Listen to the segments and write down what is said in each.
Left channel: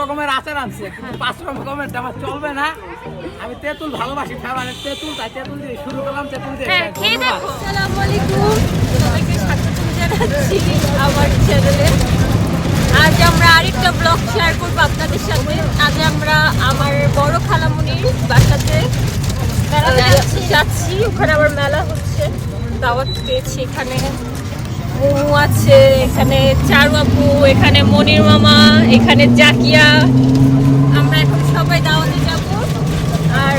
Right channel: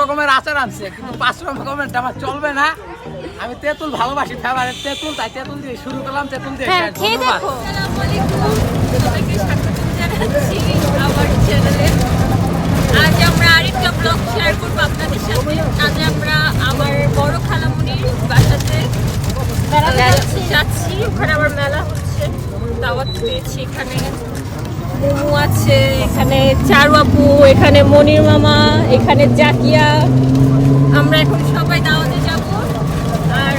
রকমের আচার আনছে, কিন্তু 5 রকমের আমার চলবে না। আমি তেঁতুল ভালোবাসি, ফেভারিট তেঁতুল, তাই তেঁতুল দিয়ে শুরু করলাম। তেঁতুল দিয়ে ধন্যবাদ। আসসালামু আলাইকুম, সবাইকে স্বাগত জানাচ্ছি আমার চ্যানেলে। আজ আমরা আরেকটা ব্লগ শেয়ার করবো আপনাদের সাথে। আজ আমরা আমার বড় খালামুনির বাসাতে যাচ্ছি। ওখানে আবার মেলা হচ্ছে, দাওয়াত পেয়েছি। এখানে মোমো আছে, এখানে চারু আপু, এখানে মনির মামা, এখানে জাকিয়া। আমরা এখন সবাই দাওয়াতে যাব, আর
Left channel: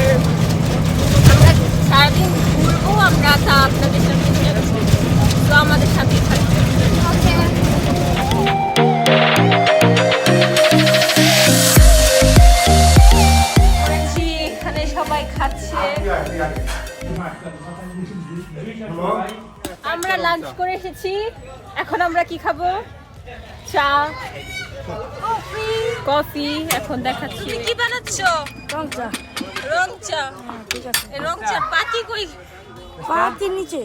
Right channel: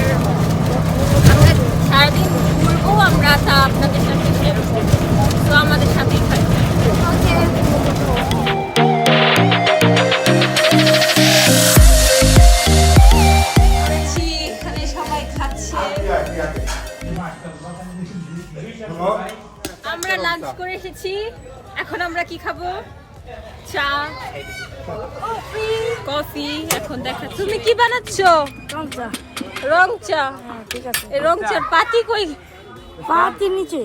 আমরা সারাদিন ঘুরবো। আমরা তা আপনাদের সাথে শেয়ার করবো, তো আমাদের সাথেই থাকবে। এখানে সবাই খাচ্ছে। আমরা লাঞ্চ করে এসেছি। এখন আমরা কি খাবো? চা, কফি। এখন দেখা, তুমি কি বানাচ্ছ? রং চা। রং চা, ঠিক আছে। এই রং চার পাতি কই? পাতি নিচে।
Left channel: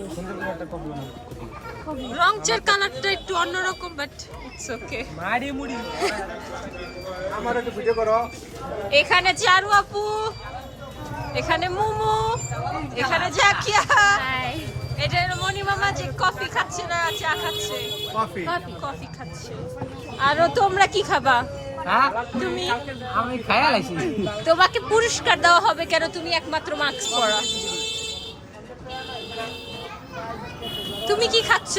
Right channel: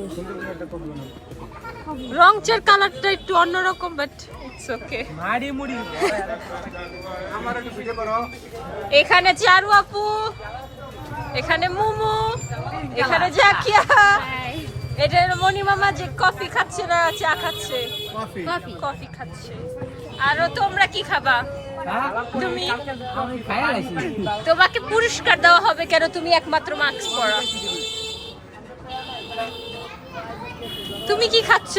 রং চার কালারটা একটু অন্যরকম, বাট ইটস ওকে। এখানে চারু আপু, এখানে মোমো, এখানে জাকিয়া, এটা মনি মামা যে কফি খাচ্ছে না চা খাচ্ছে। কফি খাচ্ছে। আর তোমরা কি খাবা? তুমি? আমি খায়া লাইছি। তোমাকে পুরস্কার দেওয়া হবে কেন? তুমি একমাত্র মাস্ক পরা। তুমি কি খাচ্ছ?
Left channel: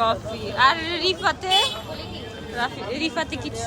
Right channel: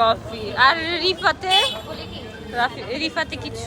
কফি। আর রিফাতে কিছু?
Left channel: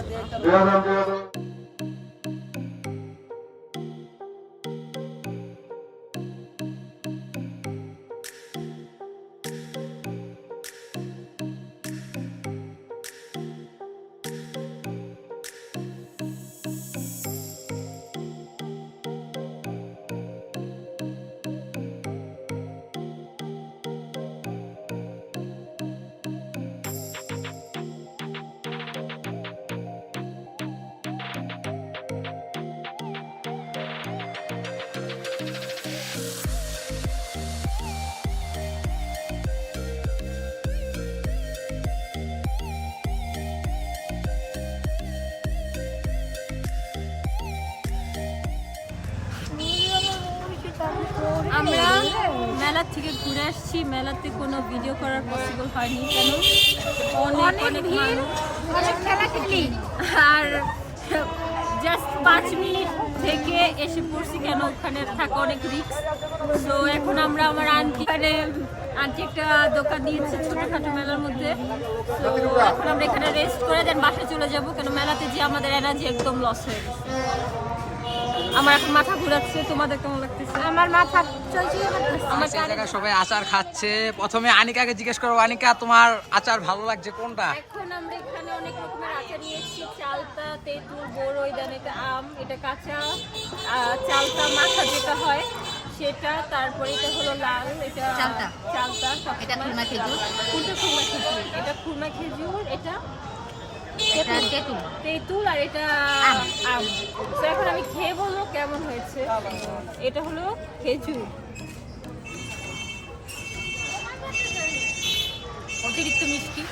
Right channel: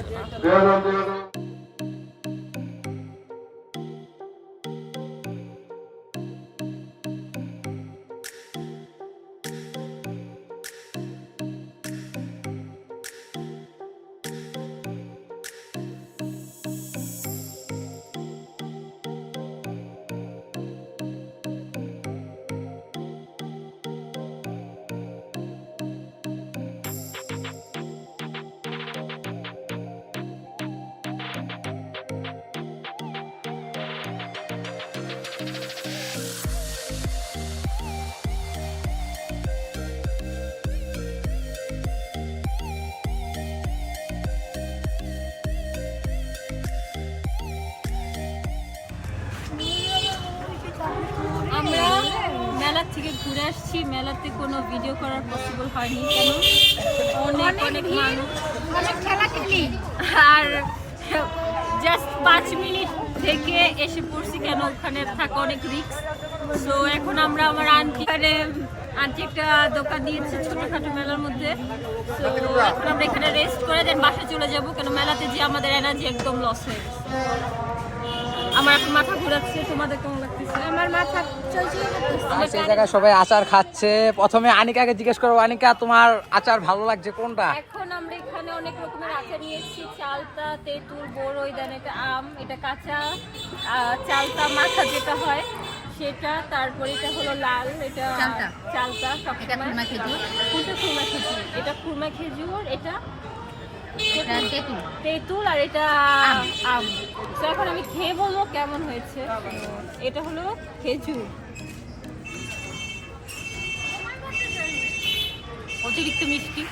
আমরা মেলা থেকে ঘুরে আসছি। মেলাতে কোনো ভিডিও করার পসিবল হয়নি, কেন? অনেক মানুষ, আর জাস্ট 5 মিনিট থেকে এসে পড়ছি, কেন ওখানে থাকা অনেক রিস্ক। তো এখন আমরা আমার আন্টি একটা দোকান দিয়েছে ছোটখাটো মেলার মধ্যে। তো এখন আমরা এখানে রেস্ট করে দেন বাসায় চলে যাব, কেন মেলাতে যে আমাদের এনার্জি একদম লস হয়ে গেছে। আমার এখন মাথা ঘোরাচ্ছে। তোমাদের কেমন লাগতেছে? আমার মাথা চলছে। আমার জায়গায় সবাই আচার খাচ্ছে। প্রথমে আনিকাকে জিজ্ঞেস করবো, আনিকা তোমার আচার ভালো লাগছে কোনটা? এখন আমরা এখানে অনেক রকমের আচার নিয়েছি। চালতা, তেঁতুল, বড়ই, দেন এটা আম, এটা কাঁচা চালতা মাখা যেটা হয় সেটা। তারপরে এটা হলো লাল, এটা চালতা। সবসময় কোনটা? খুরমা খেজুর। এটা খুরমা খেজুর, এটা তেঁতুল, আর এটা আম। তো এখন আমি খেয়ে বলবো কেমন হয়েছে। এটা হলো খেজুর, অতিরিক্ত মিষ্টি,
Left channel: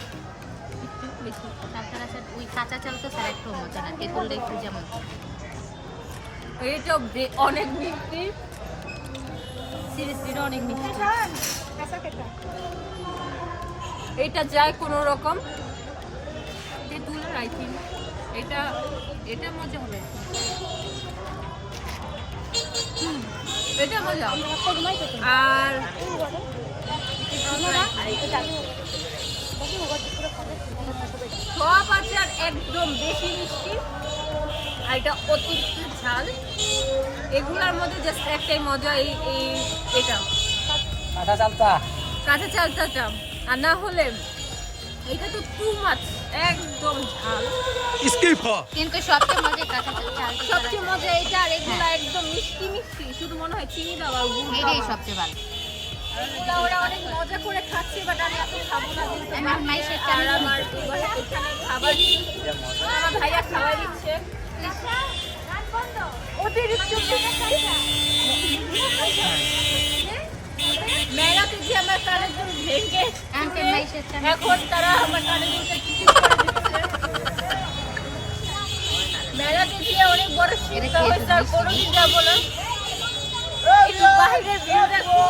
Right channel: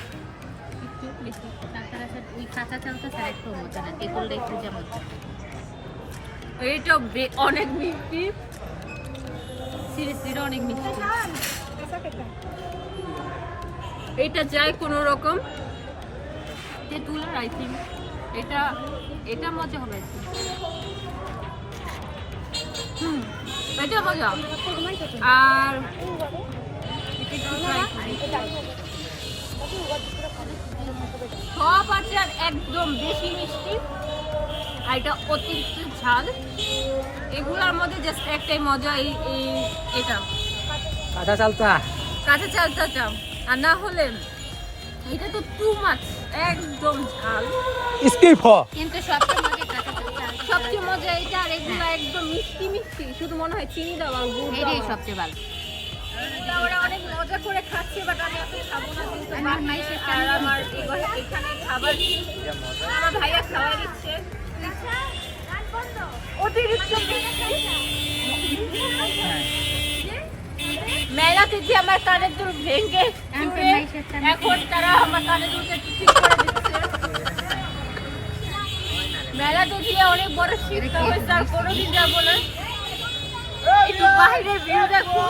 একটু বেশি। ওই কাঁচা চাল তো স্যার একটু মজা না, তেঁতুল একটু যেমন। এটা অনেক মিষ্টি, সিরিয়াসলি অনেক মিষ্টি। এটা যায় কোনো রকম তেঁতুল, আই থিঙ্ক এটা মজা হবে। এটা মজা। আর সব আচার একদম বেশি মিষ্টি, আর এটা অতিরিক্ত ঝাল। এগুলোর মধ্যে জাস্ট একটাই মজা, এটা কাঁচা চালতা, কাঁচা চালতাটা। আর না হলে এটা তো টু মাছ, একদম ঝাল। কিন্তু সবচেয়ে মজা এটা। আর এগুলো একদম মিষ্টি মিষ্টি, শুধু মনে হয় চিনি দেওয়া আর গুড় দেওয়া সবচেয়ে ভালো। ওরা অনেক মজা করে খাচ্ছে, বাট আমি এত খাবো না। কিন্তু আর আমার এখানে খাবার আমার ভাইয়া খাওয়াই দিচ্ছে। অতিরিক্ত মেলা থেকে আমার কানের দুল ভেঙে এখন তারা আমার কানের দুলটা ঠিক করে দিচ্ছে। মেলাতে গিয়ে অনেক বড় শিক্ষা হয়েছে, আর কোনোদিন যাবো না। একটু বাইরের ভিউ দেখো।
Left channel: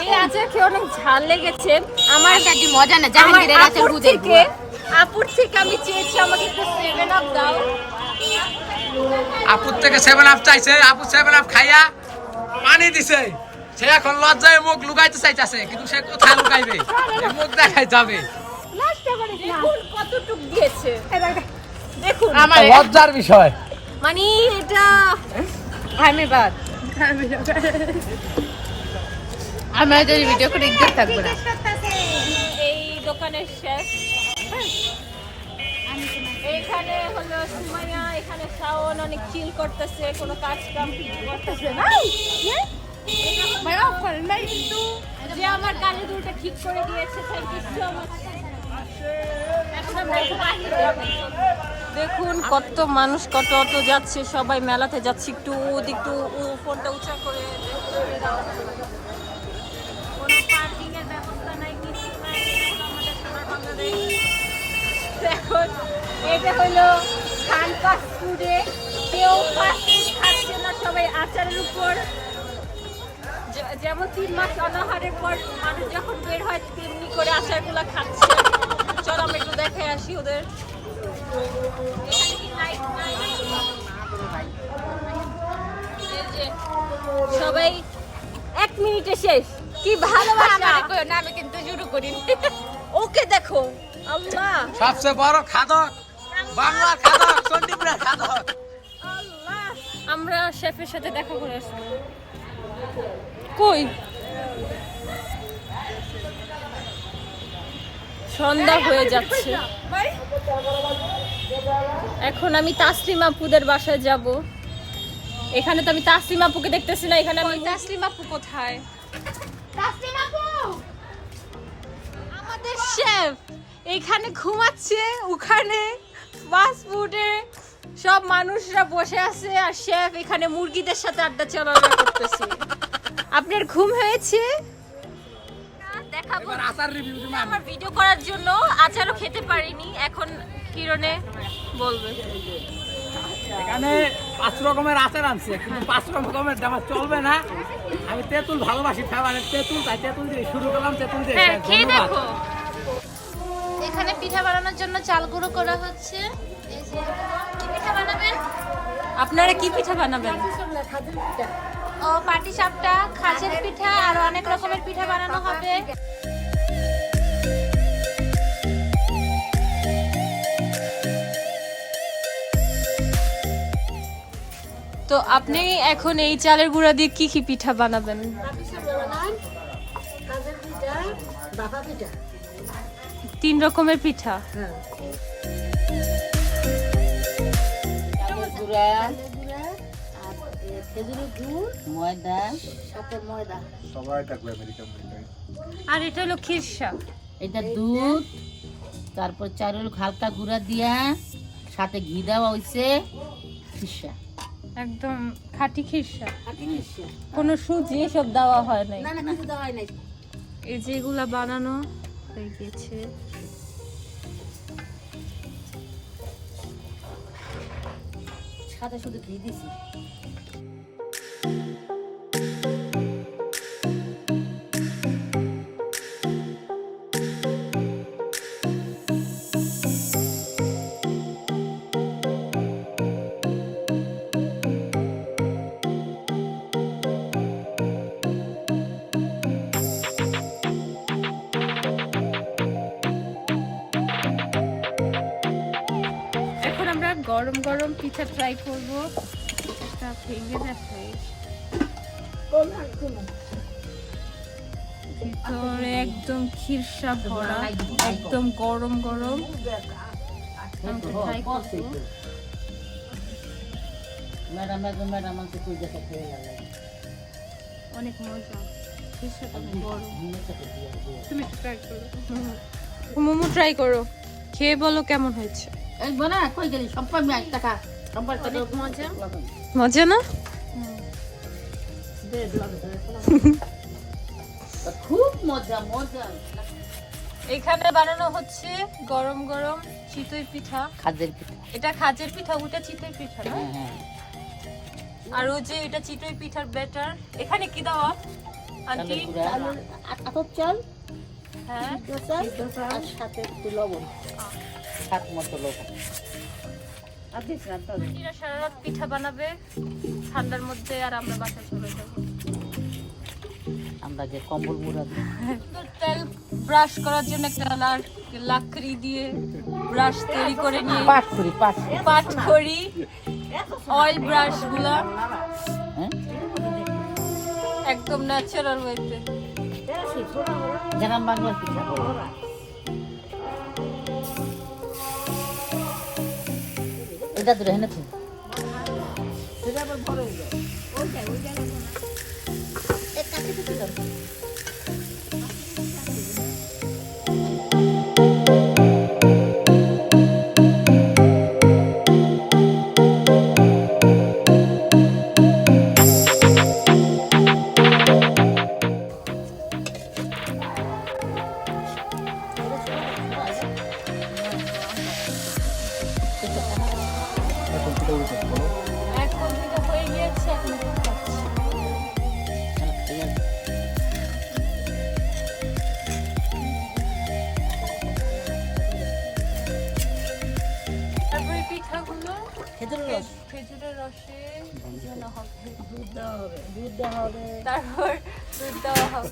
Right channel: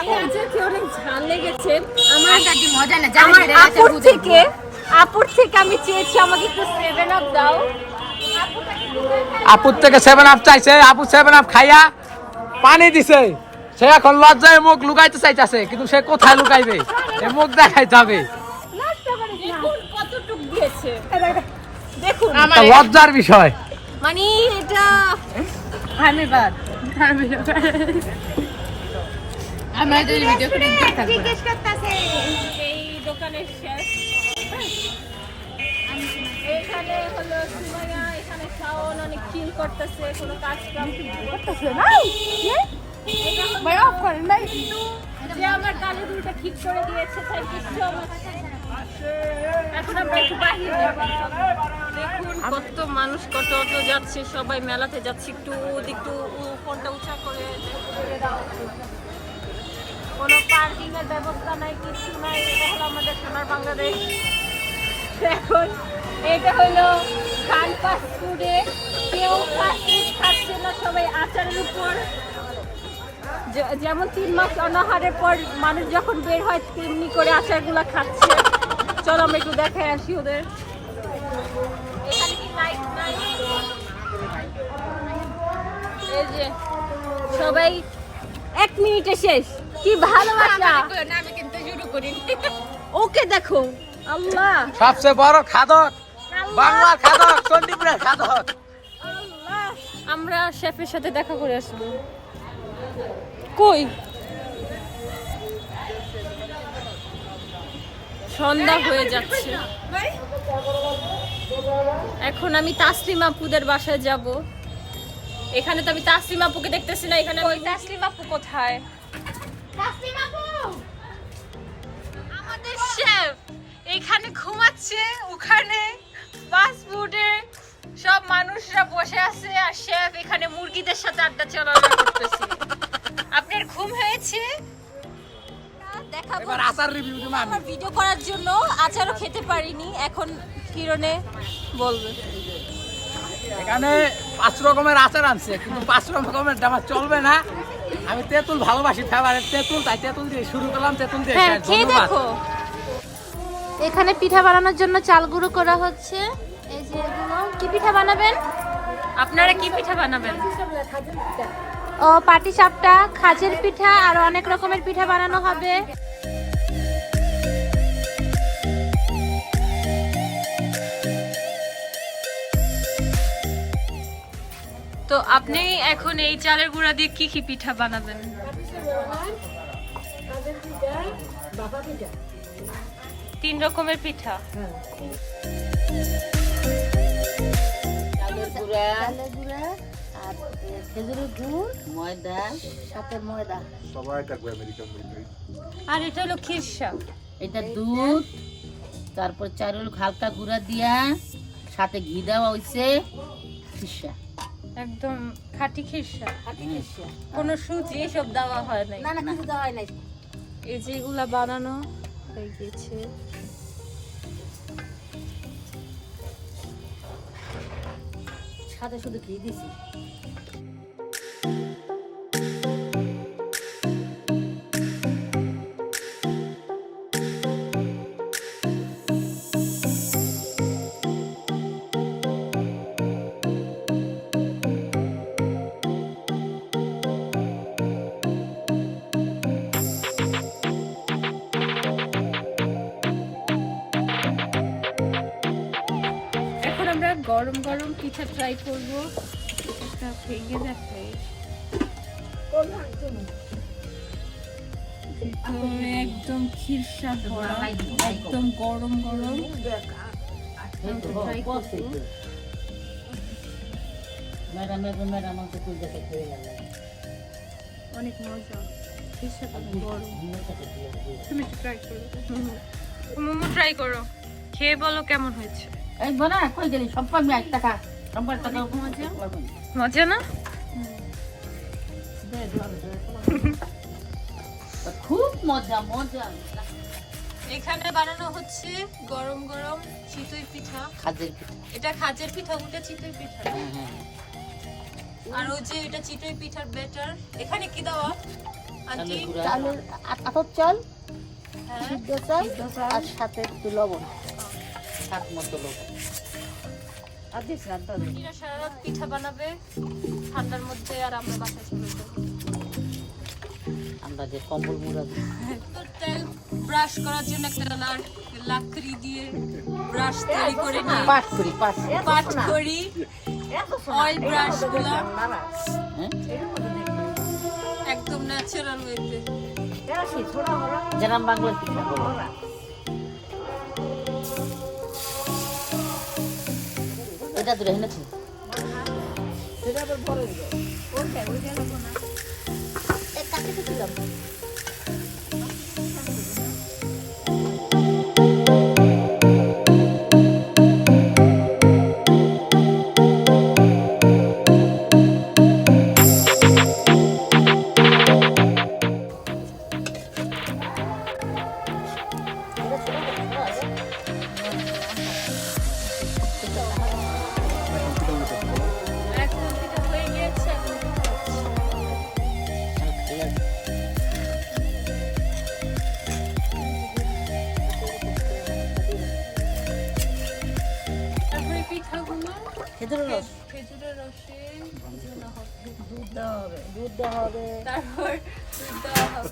এই আচার খেয়ে অনেক ঝাল লেগেছে আমার। মজা না আমার আপুর থেকে আমি চেয়েছি আমাকে একটু 7 আপ দাও। আপুর থেকে 7 আপ চাইছে, আপু 7 আপ খাইয়া পানি দিছে। সে এখন লজ্জায় মুখ লুকাইতে চাইতেছে, কিন্তু সে কোথায় লুকাইবে? এই মুখ দেখাই যাবে। দেখুন কতটুক দিয়েছে, দেখুন এটা লজ্জার বিষয়। মানে এটা ধন্যবাদ। আমরা যদি ভিডিও করে দেখতে থাকবো না। এই দোকানের শেষ। এখানে হলো সুমাইয়া, এখানে শাওন অনেক চিল করতেছে, কোনো কাজ কাম করতেছে না। এটা হলো যে আমার কালো দুলটা ঠিক করে দিয়েছে, থ্যাংক ইউ সো মাচ। এখন আমরা একটু বাহির যাব। দেখুন কত মানুষ, কত অত যাচ্ছে, সবাই মেলাতে যাচ্ছে। একটু একটু ফোনটা উঁচা করে ছেড়ে দাও। কোনো পার্কিং এর ব্যবস্থা নাই, কিছু নাই। দেখুন এটা হলো খান ফাস্ট ফুডে, কেউ ফাস্ট ফুড খাচ্ছে না, সবাই আচারের উপর। যেমন 3 মাস অনাহারের পর মানুষ যখন বের হয় তেমনি করে আচারগুলো খাচ্ছে। চলো আমরা একটু দেখে আসি ওদের। এখানে কি লাইট নাই? এই যে সবাই 1 মিনিটে শেষ। কি ভালোবাসা! না আমি কিন্তু শুরু করিনি। ওকে দেখো, আল্লাহ সবচেয়ে বড় খাদক, বাংলার খাদক, চণ্ডীপুরের খাদক। আমরা শেফের সাথে দেখা করে আসবো। কই সন্ধ্যা হয়ে যাচ্ছে, এখন আমি তাসলিম আপুদের বাসায় যাব। এখানে তো আমি তাসলিম আপুকে দেখতেছি না। এখানে আমি তাসলিম আপু কোথায়? তাসলিম আপু, আমাদের শেফ এখানে ঘুমাচ্ছে, ওখানে ফাস্ট ফুডে সব মানুষরা বসে আছে, আর শেফ এখানে মুরগিদের সাথে আড্ডা চলাচল করতেছে। আপনার ঘুম হয়েছে? দেখাবো এবার আচার রিভিউ দিন। আমার ভিডিও করার জন্য আচারও খেতে পারিনি, এখন কিরণে বলবে। এখানে 5 রকমের আচার আনছে, কিন্তু 5 রকমের আমার চলবে না। আমি তেঁতুল ভালোবাসি, ফেভারিট তেঁতুল, তাই তেঁতুল দিয়ে শুরু করলাম, তেঁতুল দিয়ে শেষ। ধন্যবাদ। এখানে পিঠা বানানোর জন্য চাল গুঁড়ো করা হচ্ছে। এই যে এগুলো কি পিঠা বানাবেন আপনারা? কি পিঠা বানাবেন? ও পাটিসাপটা, খাজের পিঠা, আর অনেক রকমের পিঠা বানানো হবে। তো আপনি এখন এই চালের গুঁড়া দিয়ে কি কি পিঠা বানাবেন? খাজের পিঠা, বাফা পিঠা। 3 রকমের পিঠা। হ্যাঁ। চালের গুঁড়া আর খেজুরের গুড়, ময়দা, সাথে ময়দা। সবাই থাকবে আমেরিকান মেয়ে। আর এটা হলো খিরসা। এটা দুধ, তারপর চারুল হালকা গুঁড়া দিয়া, সাথে ঘি দেওয়া হইছে, খিরসা। একদম খাঁটি খিরসা, কোনো সুজি সব দেওয়া হয় নাই। না না, কিছু দেওয়া হয় নাই। এই যে এগুলা বানানো হয়ে গেছে। সাথে শুধু ঘি দিছি। এখন আমরা গরম গরম পিঠা ট্রাই করব। এটা ভেঙে যাচ্ছে, ভিতরে একদম খিরসা ভরা, একদম গরম গরম। ট্রাই করব। ম্যাডাম আমাকে তুই দেখে খেয়ে গেল। অনেক মজা, খিরসাটা অনেক গরম। তুমি একটু ট্রাই করো। মোমো ট্রাই করো, খেয়ে বলো কেমন হয়েছে। এই বনা কই গেলি? সম্পর্ক আমি 1 টাকা। সম্পর্ক অনেক মজা। মজা না? খুব মজা মজা। এখানে বানানো হচ্ছে গরম গরম চিতই পিঠা। খাদের পিঠা। এটা খাজের পিঠা, ওটা চিতই পিঠা না? আর ও যে এটা চিতই পিঠার ব্যাটার। এখানে কি দেওয়া আন্টি? আতপ চাল, হ্যাঁ, সিদ্ধ চাল আর সাথে একটু লবণ, স্বাদ মতো লবণ। আর দিস না তো। এরা সারা রাত পিঠা বানাবে ঠান্ডার মধ্যে, আর আমরা বাসায় চলে যাবো। আমরা যে কম্বল মুড়া তো তেল ব্রাশ করার জন্য একটা লাকড়ি দিয়ে ব্রাশ তৈরি করে নিয়ে পাট করি অয়েল ব্রাশ গুলা একদম ন্যাচারাল ওয়েতে। গ্রাম বাংলার পিঠা। এটা দূরে এনেছি। সেটা আবার বড় হয়ে যায়। ওইটা লাগবো না। এক কাছে দিলাম। এখন পিঠা হয়ে গিয়েছে, এখন খাচ্ছি। তারপরে পিঠাগুলো খেজুরের রসে ভিজানো হবে, দুধ দেওয়া হবে। তারপর দুধ দেওয়া হবে।